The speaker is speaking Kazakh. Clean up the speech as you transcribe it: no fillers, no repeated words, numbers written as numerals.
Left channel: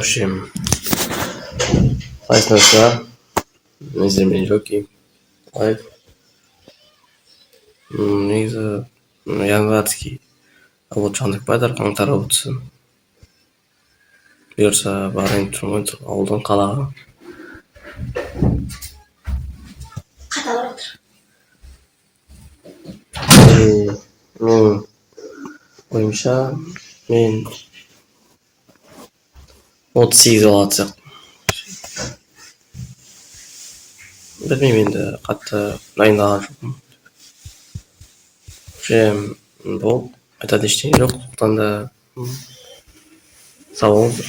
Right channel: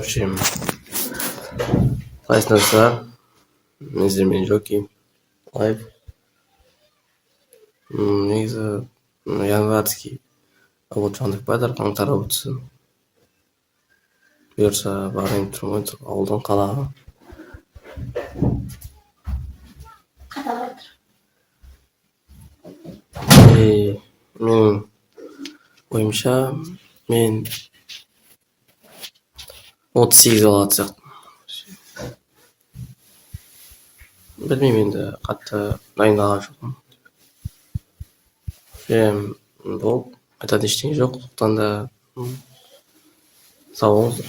общем, қайсыңыздар? Мен Жоки, лайф. Негізі январьский ауылшандық байдар қаңтар өтсін. Бұйырса барайын тұрмын ауылдан қалаға. Қаталып тұр. Менің ойымша мен 38 алатын сияқтымын. Білмеймін, енді қатты дайындалған жоқпын. Бұл айтатын ештеңе жоқ. Сондықтан да сау болыңыздар.